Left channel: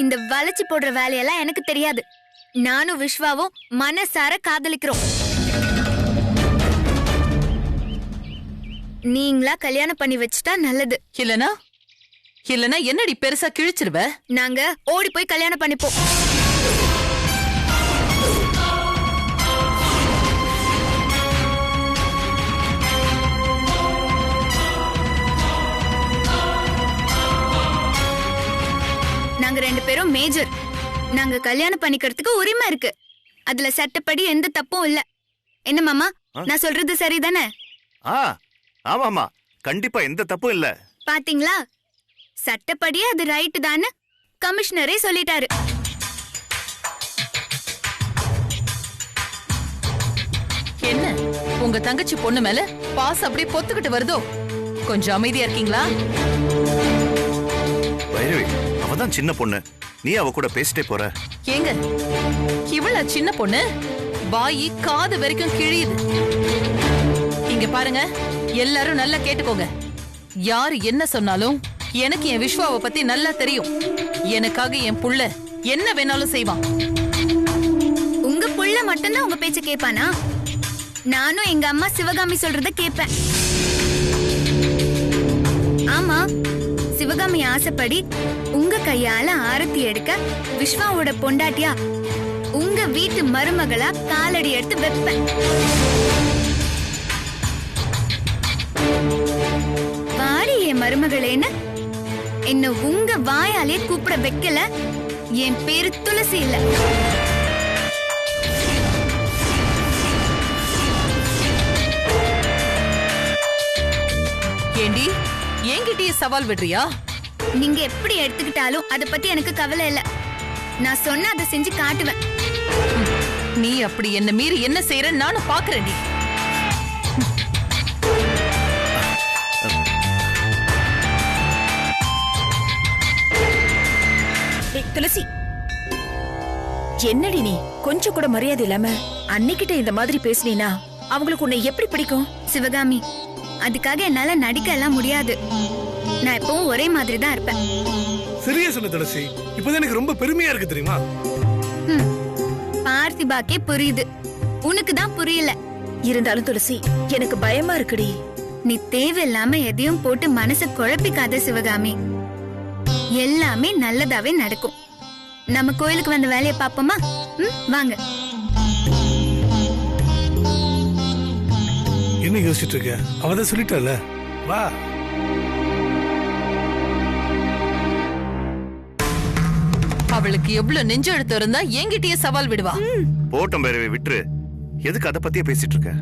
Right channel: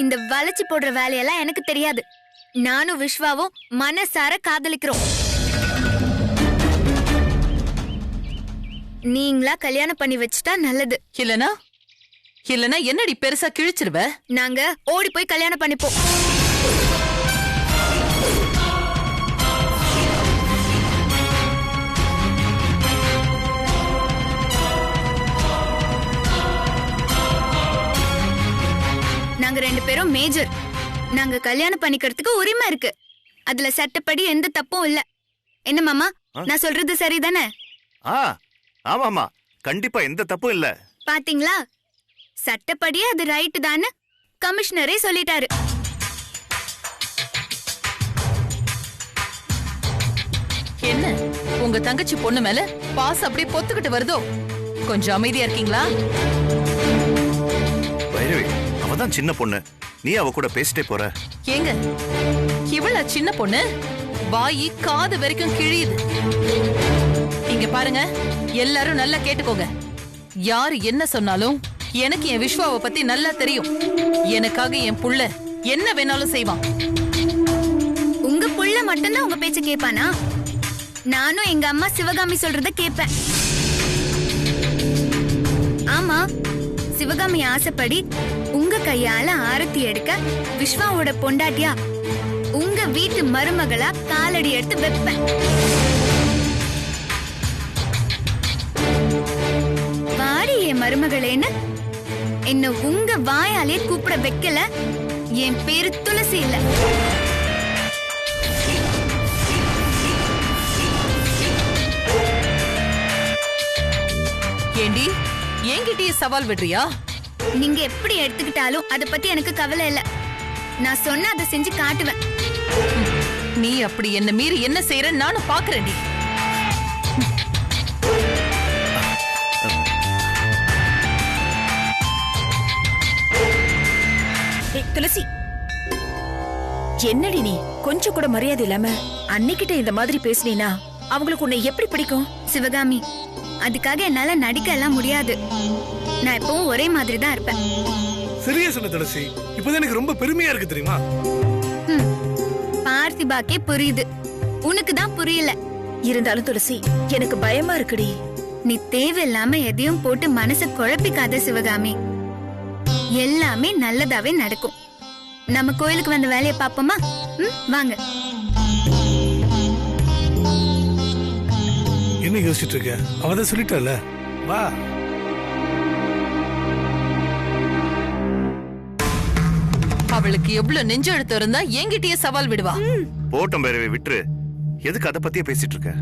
இந்த வளைச்சு போடுற வேலையெல்லாம் எனக்கு தெரியாது. நானும் விஸ்வாவும் மனசார காதலிக்கிறோம். நீங்களா கல்யாணம் பண்ணி வச்சுட்டா நல்லது. இல்லனா என்னடி பெருசா கிழிச்சிருவ? நாங்க ஓடி போய் கல்யாணம் பண்ணிப்போம். நாங்க 2 பேரும் மேஜர். நாங்க கல்யாணம் பண்ணிக்கிறதுக்கு உரிமை இருக்கு. அதுல சட்டப்படி எந்த தப்பும் இல்ல. என்ன மாமா, நான் சொல்றது சரிதானே? ஆமாமா, கண்டிப்பா எந்த தப்பும் இல்ல. பாத்தீங்களா, சட்டப்படியே அது ரைட் தானே கமிஷனரே சொல்லிட்டாரு. என்ன உங்க தங்கச்சி பொண்ணு மேல பாஸ் அப்படியே பொத்துக்கிட்டு வருதோ? கொஞ்சம் அமைதியா இருக்கீங்களா? பைரவி, அவதான் சின்ன பொண்ணு, நீ அவ கூட பேசிட்டே போற. ஏங்க, இவள சின்ன பொண்ணு? வாயி காது வரைக்கும் கிழியுது. இங்க பாருங்க, எல்லாரும் நல்லா கேட்டுக்கோங்க. யாரு என்ன சொன்னாலும் எனக்கு என் விஸ்வாவை பத்தி நல்லா தெரியும். எனக்காக என் புள்ள என்ன வேணாலும் செய்வான். உங்க புள்ள மட்டும்தான் உங்க பேச்ச கேப்பானா? நானும் எங்க அம்மா சிவகாமி சொல்றத கேப்பேன். ஆமா, சிவகாமி ஆசைப்படி உங்க கையால ஆரத்தி எடுக்க விஸ்வாவோட பொண்டாட்டியா உங்க வீட்டு மருமகளா காலடி எடுத்து வைப்பேன். வாடி என் மருமகளேன்னு என்ன உங்க வாயாலே கூப்பிட வைக்கல. என் பேரு துளசி இல்ல. ஏண்டி, என்கிட்டயே சவால் விடுறியா? நீங்க எப்படி எடுத்துக்கிட்டாலும் அத பத்தி எனக்கு கவலை இல்ல. நான் சொன்ன அதை செஞ்சு காட்டுவேன். நீ அப்படி என்ன மீறி என்ன செய்யற நானும் பாக்குறேன்டி. துளசி, என்னடி நீ கொஞ்சம் கூட மரியாதை இல்லாம அன்னைக்கிட்ட இந்த மாதிரி பேசினா அவங்களுக்கு உன்னை எப்படி பிடிக்கும்? சிவகாமி, அதுக்காக என்னால நடிக்க எல்லாம் முடியாது. நான் எப்பவும் ஒரே மாதிரி தான் இருப்பேன். சரியா சொன்ன துளசி, இப்பதான் எனக்கு ரொம்ப பெருமையா இருக்கு தெரியுமா? பார்த்திபாக்கே புரியுது, உனக்கு தான் புரியல. இருந்தாலும் துளசி, எனக்கு பயமா இருக்குடி. நீ தேவையில்லாம எதையும் போட்டு மனச குழப்பிக்காத சிவகாமி. எல்லாமே நல்லதாவே நடக்கும். நம்ம கோயிலுக்கு வந்த வேலையை பாப்போமா? வாங்க. என்ன யோசிச்சுட்டு இருக்க? அவதான் சொல்லிட்டால, வா. அவளுக்கு எவ்வளவு நெஞ்செழுத்து இருந்தா என்கிட்டயே சவால் விடுவா. போட்டம் பைரவி, விட்டுரு. எதுக்கு அத பத்தியே பேசிட்டு இருக்க?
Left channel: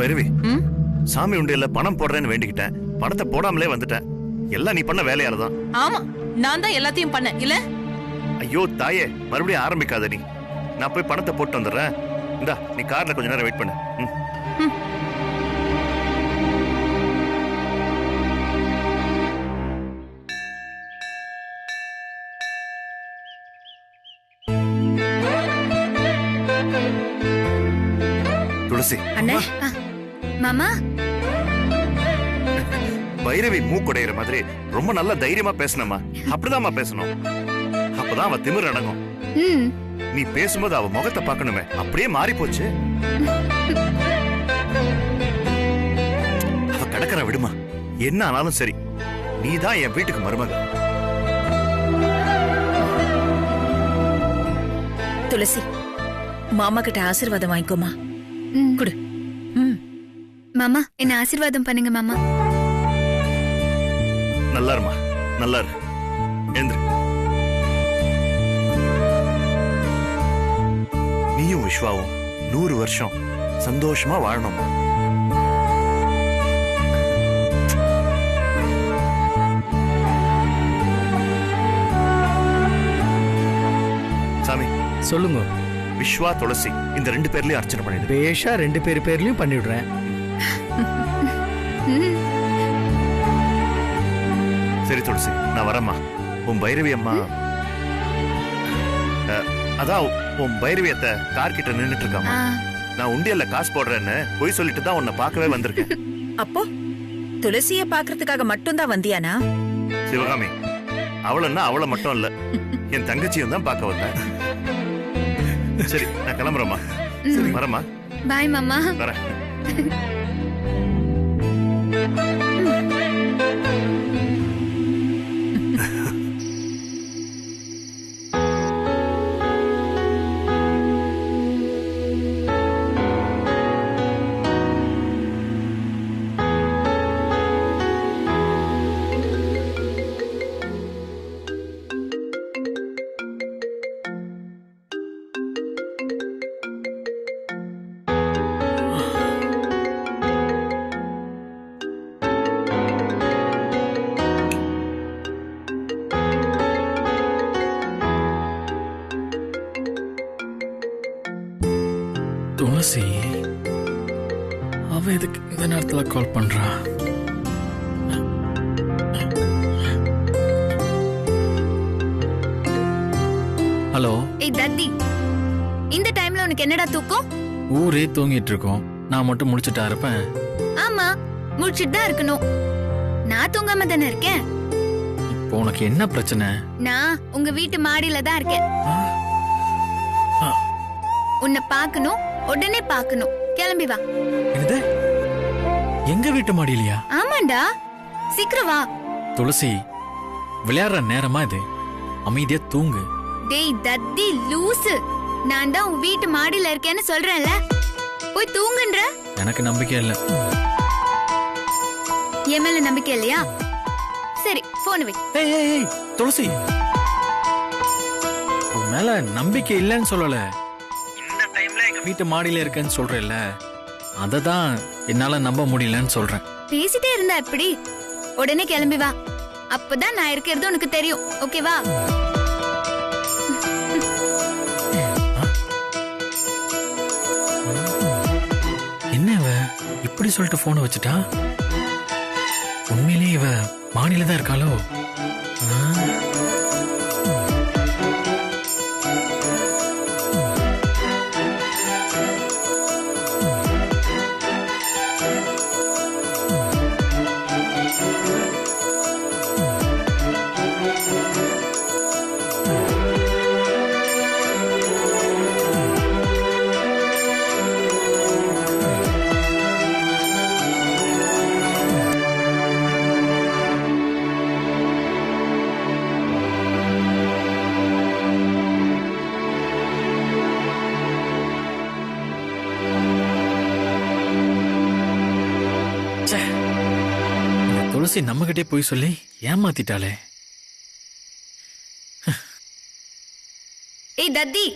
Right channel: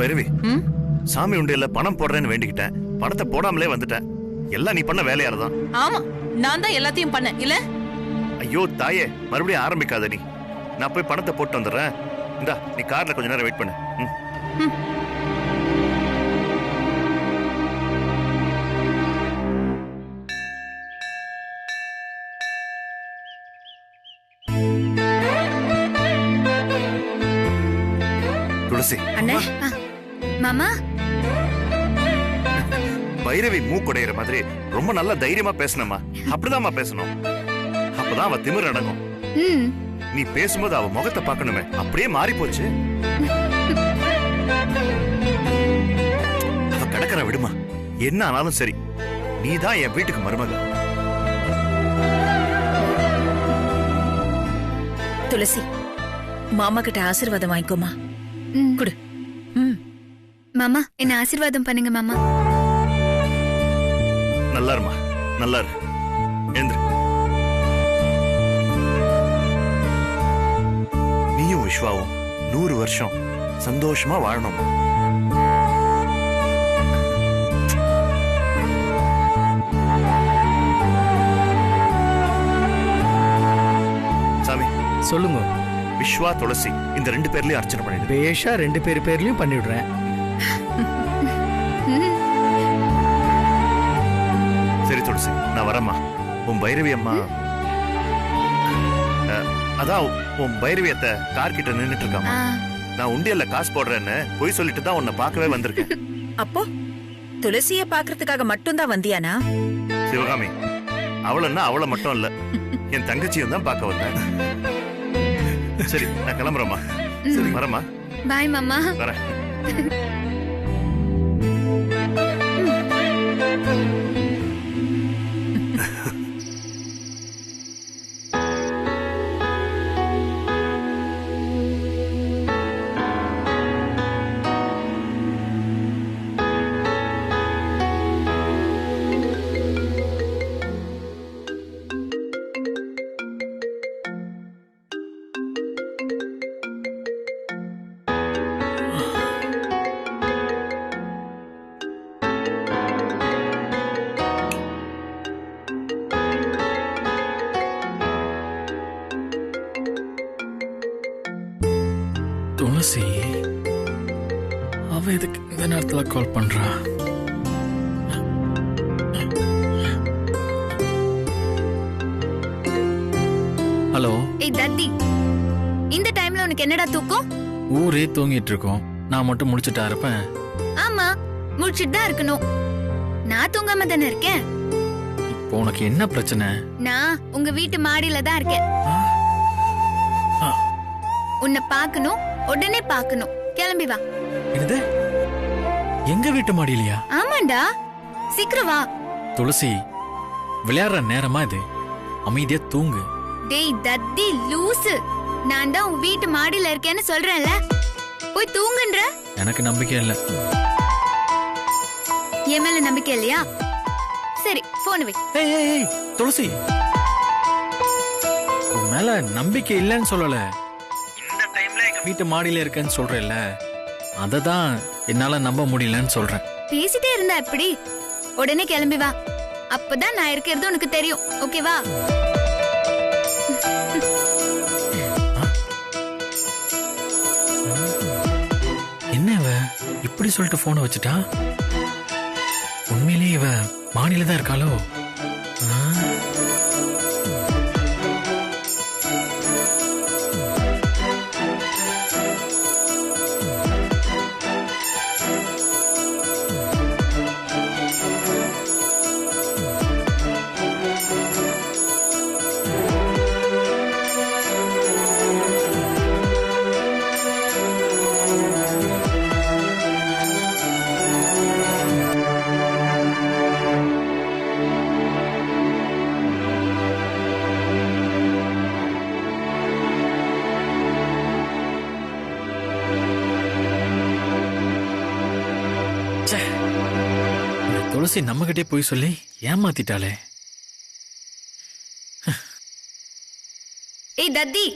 பைரவி, சாமி உண்டியல்ல பணம் போடுறேன்னு வேண்டிக்கிட்டேன். பணத்தை போடாமலே வந்துட்டேன். எல்லாம் நீ பண்ண வேலையாலதான். ஆமா, நான் தான் எல்லாத்தையும் பண்ணேன் இல்ல? ஐயோ தாயே, மறுபடியும் ஆரம்பிக்காத நீ. நான் போய் பணத்தை போட்டு வந்துடுறேன். இந்தா, நீ கார்ல கொஞ்ச நேரம் வெயிட் பண்ணு. துளசி, அண்ணே. மாமா, பைரவி மூக்குடையிற மாதிரி ரொம்ப நல்லா தைரியமா பேசணுமா? அப்படிதான்மா பேசணும். அப்பதான் அவ திமிர் அடங்கும். நீ பேசும்போது அவ முகத்தை பார்க்கணுமே, அப்படியே மாறி போச்சு. அவ கடற்கரை விடுமா, என்ன ஆனாலும் சரி. நீதான் என் வீட்டுக்கு மருமக. துளசி, மாமா கிட்ட ஆசீர்வாதம் வாங்கிக்கோமா. குடு. மாமா, என்ன ஆசீர்வாதம் பண்ணுங்க மாமா. நல்லா இருமா, நல்லா இரு. எழுந்திரு. நீயும் விஸ்வாவும் 100 வருஷம் சந்தோஷமா வாழணும். சாமி சொல்லுங்க. விஸ்வா, துளசி இந்த 2 பேர்லயும் அர்ச்சனை பண்ணிடு. பேஷா 2 பேர்லயும் பண்ணிடுறேன். சரி துளசி, நான் வரேம்மா. உன் பைரவி அம்மா, அதான் உன் பைரவி அத்தை கார் கிட்ட நின்னுட்டு இருக்காமா. நான் உண்டியல்ல காசு போடுறேன்னு போய் சொல்லிட்டு தான் உன்னை பார்க்கவே வந்திருக்கேன். அப்போ துளசிய பாக்குறதுக்காக மட்டும்தான் வந்தியானா? சிவகாமி, அவளன்னா அவளை மட்டும் இல்ல, என் தங்கச்சியும் தான் பார்க்க வந்தேன். சரி, நான் கிளம்புறேம்மா. வரமா. பாய் மாமா. வரேன். துளசி, அவ எதுக்கு இந்த நேரத்துல கால் பண்றா? ஹலோ. ஏய் தத்தி, இந்த டைம்ல உனக்கு என்னடா தூக்கம்? ஊரே தூங்கிட்டு இருக்கோம், நான் மட்டும் முடிச்சுட்டா இருப்பேன்? ஆமா, முடிச்சிட்டு தான் இருக்கணும். நான் தூங்காம தானே இருக்கேன். இப்போ உனக்கு என்ன பிரச்சனை? நான் உங்க வீட்டு மாடியில தான் இருக்கேன். உன்னை பார்க்கணும், உடனே பார்க்கணும். கிளம்பி வா. என்னது? எங்க வீட்டு மாடியிலையா? ஆமாண்டா, சீக்கிரம் வா. துளசி, விளையாடுற நேரமா இது? அமைதியா தூங்கு. டேய் தத்தி லூசு, நான் தான் உன் வீட்டு மாடியில இருக்கேன்னு சொல்றேன்ல, போய் தூங்குன்ற. எனக்கு நம்பிக்கை இல்ல. என் மேல நம்பிக்கை இல்லையா? சரி, போன் வை. ஏய் ஏய் ஏய், துளசி, உன் மேல நம்பிக்கை இல்லைன்னு சொல்லல, இந்த டைம்ல எங்க வீட்டு மாடியில இருக்கேன்னு சொல்றேல்ல, அததான் என்னால நம்ப முடியலன்னு சொல்றேன். பேசிட்டே இருந்தா எப்படி? உடனே கிளம்பி வா, அப்பதான் நான் இருக்கிறது உனக்கு தெரியும். ஓகேவா? என்ன இவ இப்படி சொல்லிட்டு போனை வச்சுட்டா? உண்மையிலேயே இவ மாடியில தான் இருக்காளோ? துளசி நம்ம கிட்டே போய் சொல்லி ஏமாத்திட்டாளே. ஏய் தத்தி,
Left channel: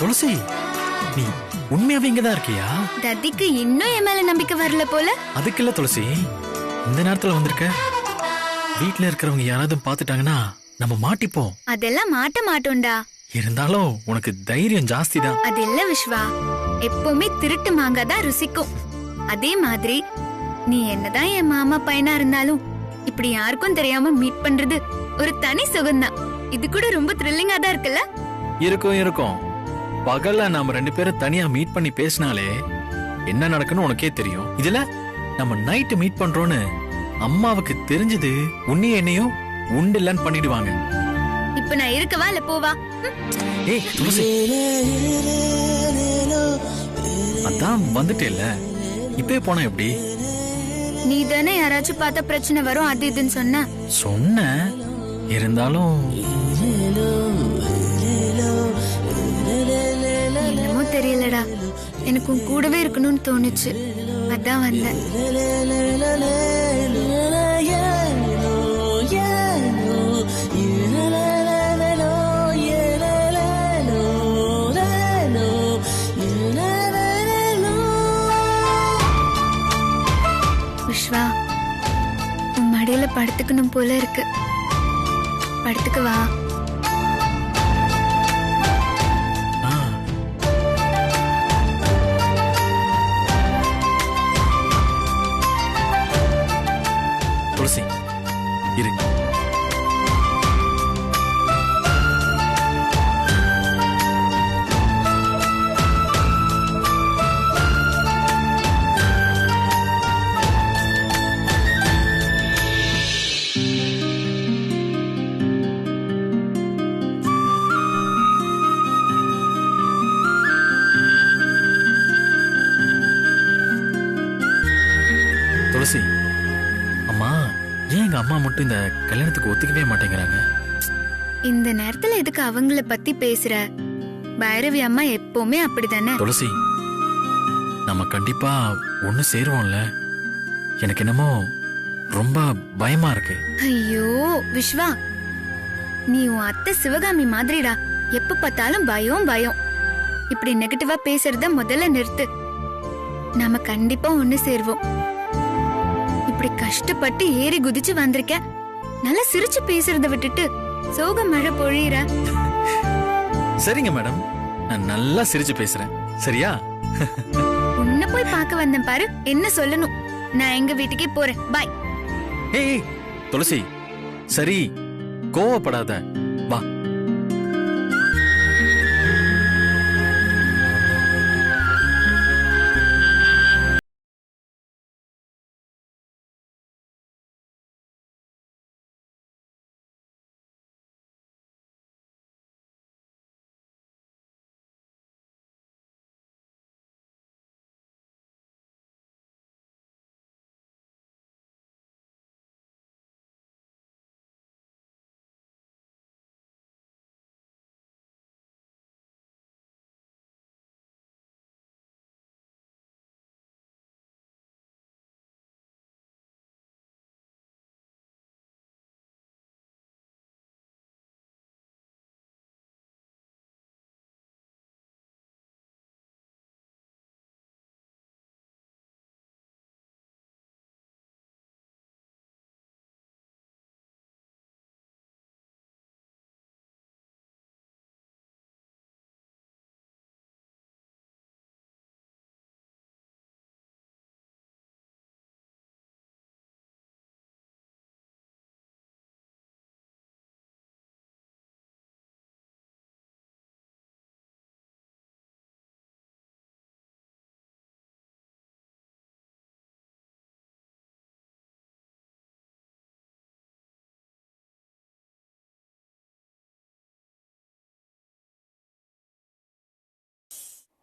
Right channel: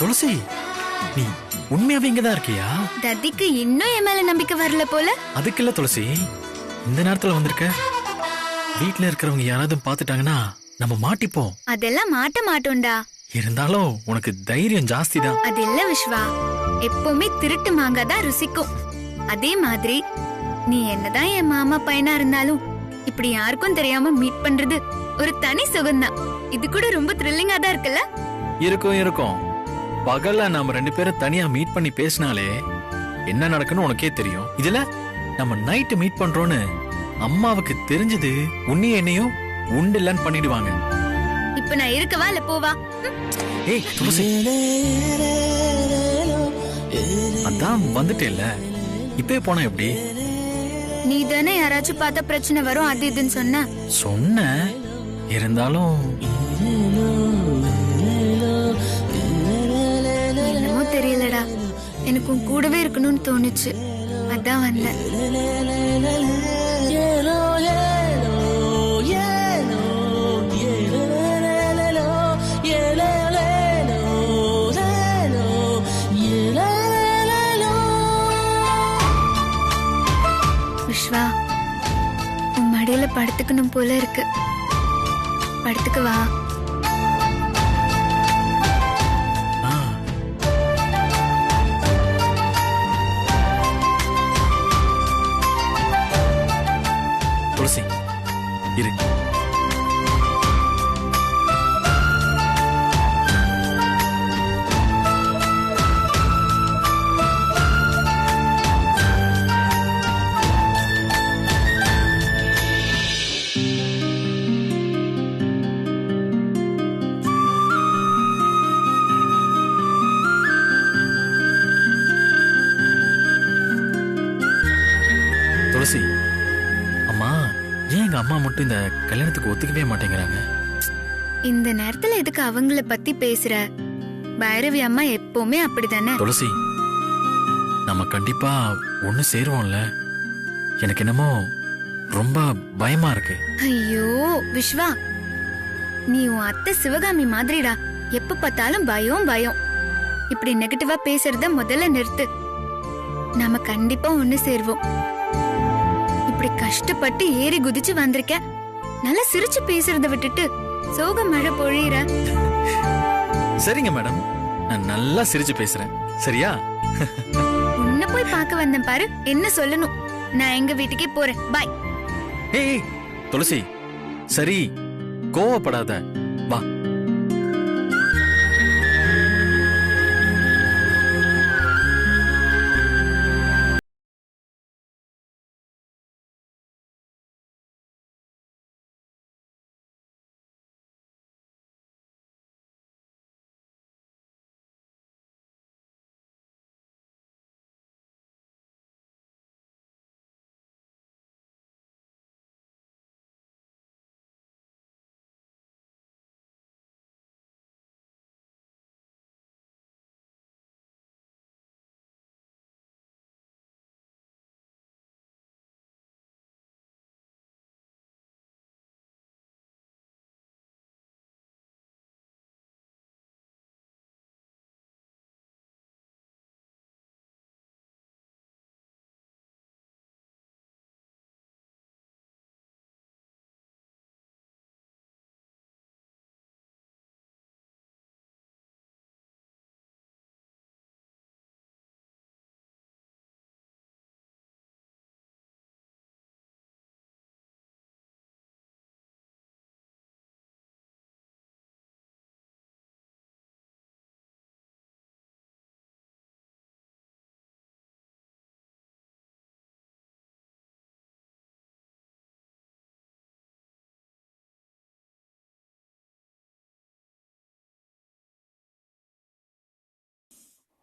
துளசி, நீ உண்மையாவே இங்கதான் இருக்கியா? தத்திக்கு இன்னும் என் மேல நம்பிக்கை வரல போல. அதுக்கு இல்ல துளசி, இந்த நேரத்துல வந்திருக்க. வீட்டுல இருக்கிறவங்க யாராவது பாத்துட்டாங்கன்னா நம்ம மாட்டிப்போம். அதெல்லாம் மாட்ட மாட்டோம்டா. இருந்தாலும் உனக்கு தைரியம் ஜாஸ்தி தான். அது இல்ல விஸ்வா, எப்பவுமே திருட்டு மாங்காதான் ருசிக்கும். அதே மாதிரி நீ என்னதான் என் மாமா பையனா இருந்தாலும் இப்படி யாருக்கும் தெரியாம மீட் பண்றது ஒரு தனி சுகம்தான். இது கூட ரொம்ப த்ரில்லிங்கா தான் இருக்குல்ல? இருக்கும் இருக்கும். பகல்ல நாம ரெண்டு பேரும் தனியா மீட் பண்ணி பேசினாலே என்ன நடக்குன்னு உனக்கே தெரியும். இதுல நம்ம நைட்டு மீட் பண்றோம்னு அம்மாவுக்கு தெரிஞ்சது உன்னையும் என்னையும் உண்டு இல்லன்னு பண்ணிடுவாங்க. இப்ப நான் இருக்கவா இல்ல போவா? ஏய் துளசி, அதான் வந்துட்டேல்ல, இப்பே போனா எப்படி? நீ தானே யாராச்சும் பார்த்தா பிரச்சனை வரும் அது இதுன்னு சொன்ன. இருந்தாலும் என்னமோ தெரியலடா, எனக்கு உன் கூடவே இருக்கணும்னு தோணுச்சு, அதான் வந்தேன். விஸ்வா, உன் மடியில படுத்துக்கணும் போல இருக்கு. படுத்துக்க வா. எங்க அம்மா மட்டும் இந்த கல்யாணத்துக்கு ஒத்துக்கவே மாட்டேங்கிறாங்க? இந்த நேரத்துல எதுக்கு அவங்கள பத்தி பேசுற? பைரவி அம்மா எப்பவுமே அப்படிதானே. துளசி, நம்ம கண்டிப்பா ஒண்ணு சேருவோம்ல? எனக்கு என்னமோ ரொம்ப பயமா இருக்கு. ஐயோ விஸ்வா, நீ உன் அத்தை சிவகாமி மாதிரிடா. எப்ப பார்த்தாலும் பயம் பயம். இப்படி நெகட்டிவா பேசுறத முதல்ல நிறுத்து. நாம கண்டிப்பா ஒண்ணு சேருவோம். இப்படி கஷ்டப்பட்டு ஏறி குதிச்சு வந்திருக்க, நல்லா சிரிச்சு பேசுறத விட்டுட்டு சோக மழை பொழியிற. சரிங்க மேடம், நான் நல்லா சிரிச்சு பேசுறேன். சரியா? உன்னை போய் பார்க்க வந்தேன் பாரு. என்ன சொல்லணும்? நான் எங்க வீட்டுக்கே போறேன். பாய். ஏய் துளசி, சரி கோவப்படாத, வா.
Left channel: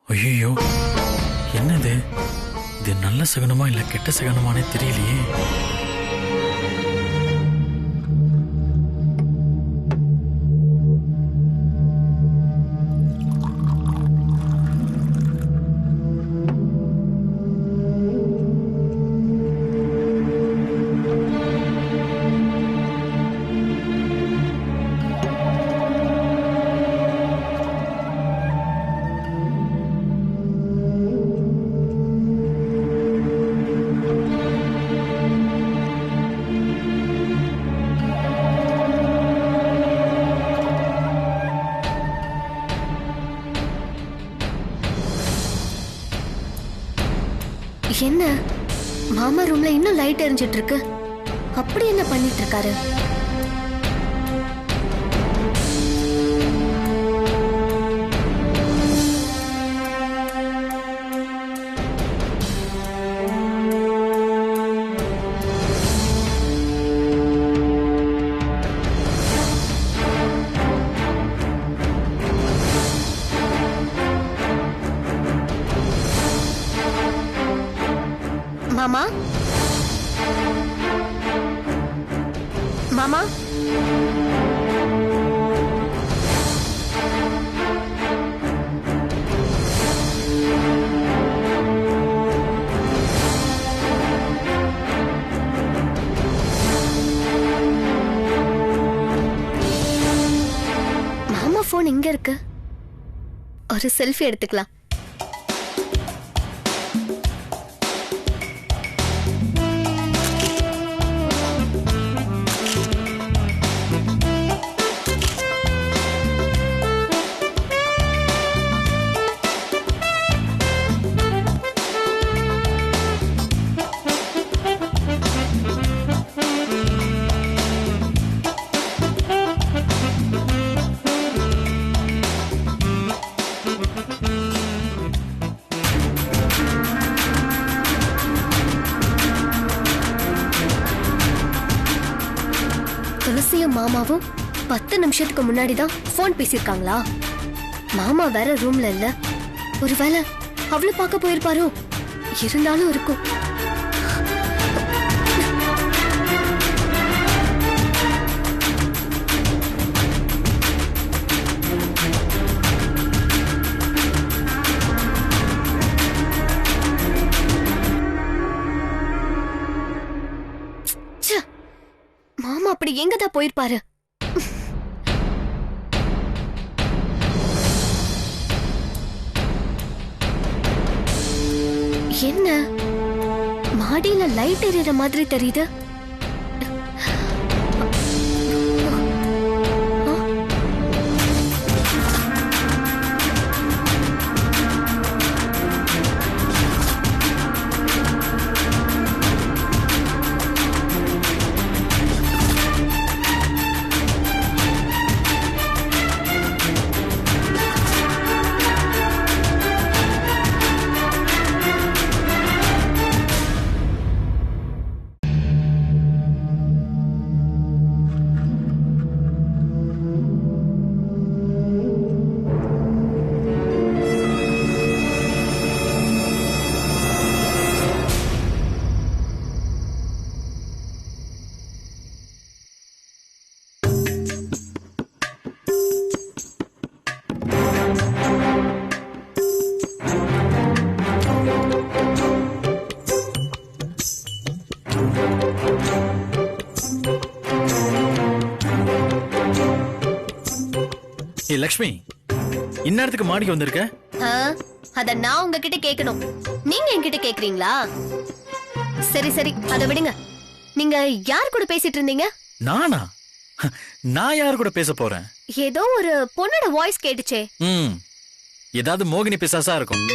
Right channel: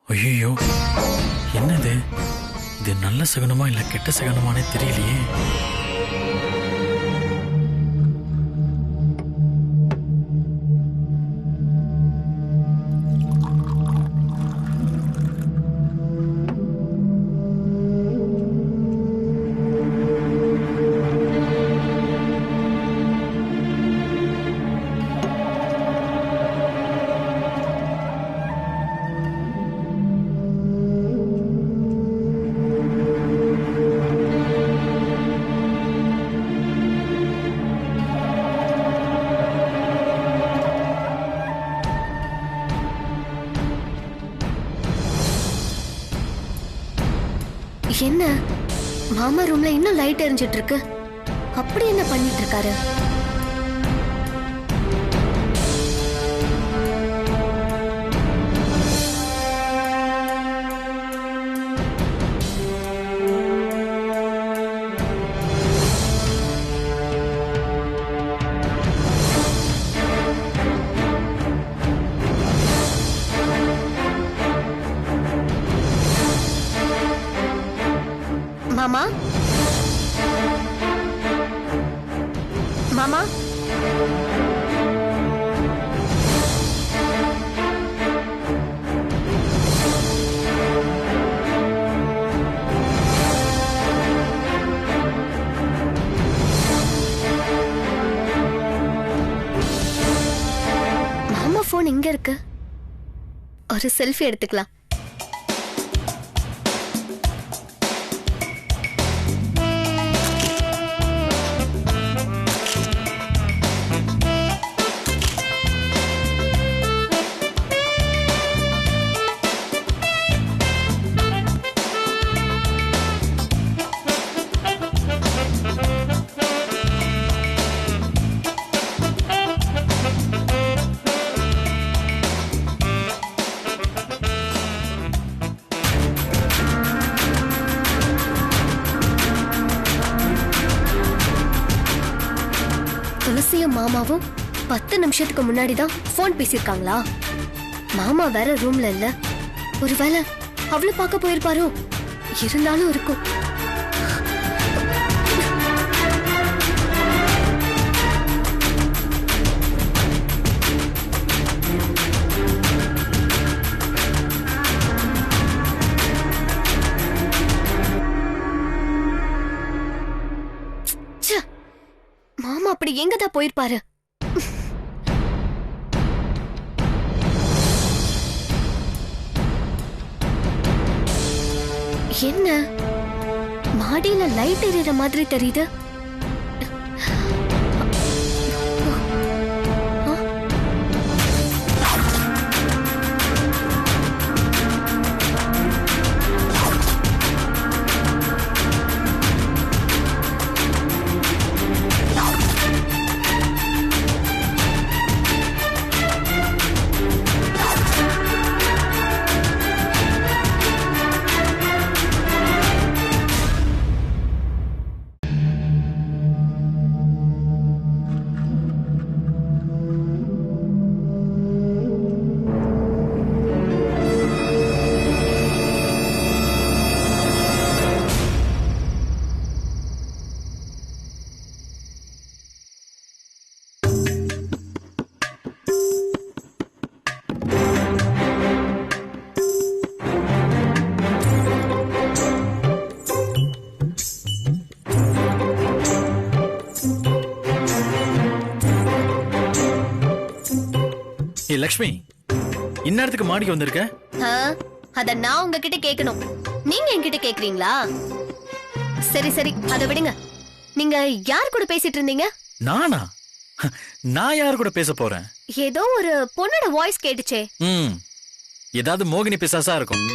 ஐயோ, என்னது இது? நல்ல சகுனமா இல்ல கெட்ட சகுனமானே தெரியலையே. என்ன மாமா ரூம்ல இன்னும் லைட் எரிஞ்சிட்டு இருக்கு? அப்படி என்ன பண்ணிட்டு இருக்காரு? மாமா, மாமா, மாமா போன் எங்க இருக்கு? ஒரு செல்ஃபி எடுத்துக்கலாம். துளசியும் மாமாவும் 10 நிமிஷத்துக்கு முன்னாடி தான் போன் பேசியிருக்காங்களா? மாமா வேற ரூம்ல இல்ல. ஒருவேளை அவளை பார்க்க போயிருப்பாரோ? இருந்தாலும் இருக்கும். அப்படி எங்கதான் போயிருப்பாரு? என்ன மாடியில லைட் எரியற மாதிரி தெரியுது. லக்ஷ்மி, இந்நேரத்துக்கு மாடிக்கு வந்திருக்க? அத நான் உங்ககிட்ட கேட்கணும், நீங்க என்கிட்ட கேக்குறீங்களா? சரி சரி, அத விடுங்க. நீங்க யார் கூட பேசிட்டு இருந்தீங்க? நானா? நான் யார் கூட பேச போறேன்? ஏதோ ஒரு பொண்ணோட வாய்ஸ் கேட்டுச்சே. ஏதாவது மோகினி பிசாசா இருக்கும்.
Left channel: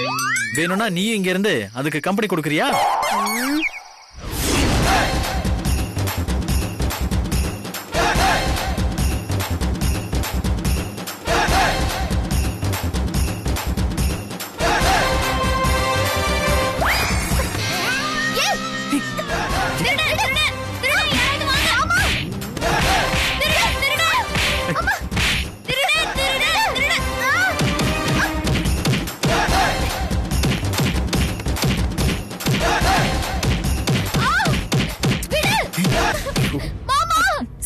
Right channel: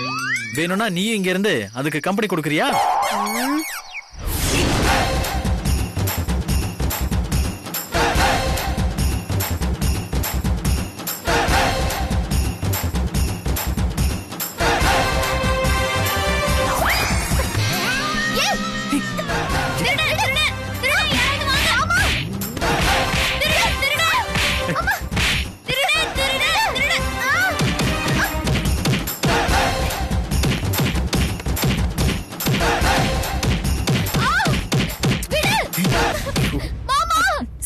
வேணும்னா நீ இங்க இருந்து அதுக்கு கம்பெனி கொடுக்கறியா?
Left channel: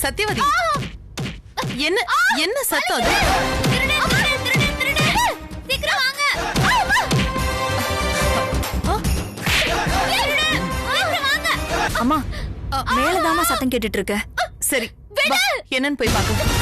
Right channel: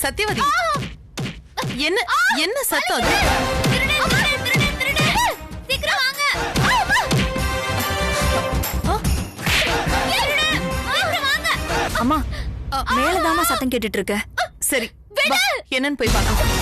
சத்யவதி, என்ன என்ன சத்தம் அது? அம்மா, மேலதாமா சத்தம் கேட்டுட்டு இருக்க. சரி, என்னன்னு போய் பார்க்கலாம்.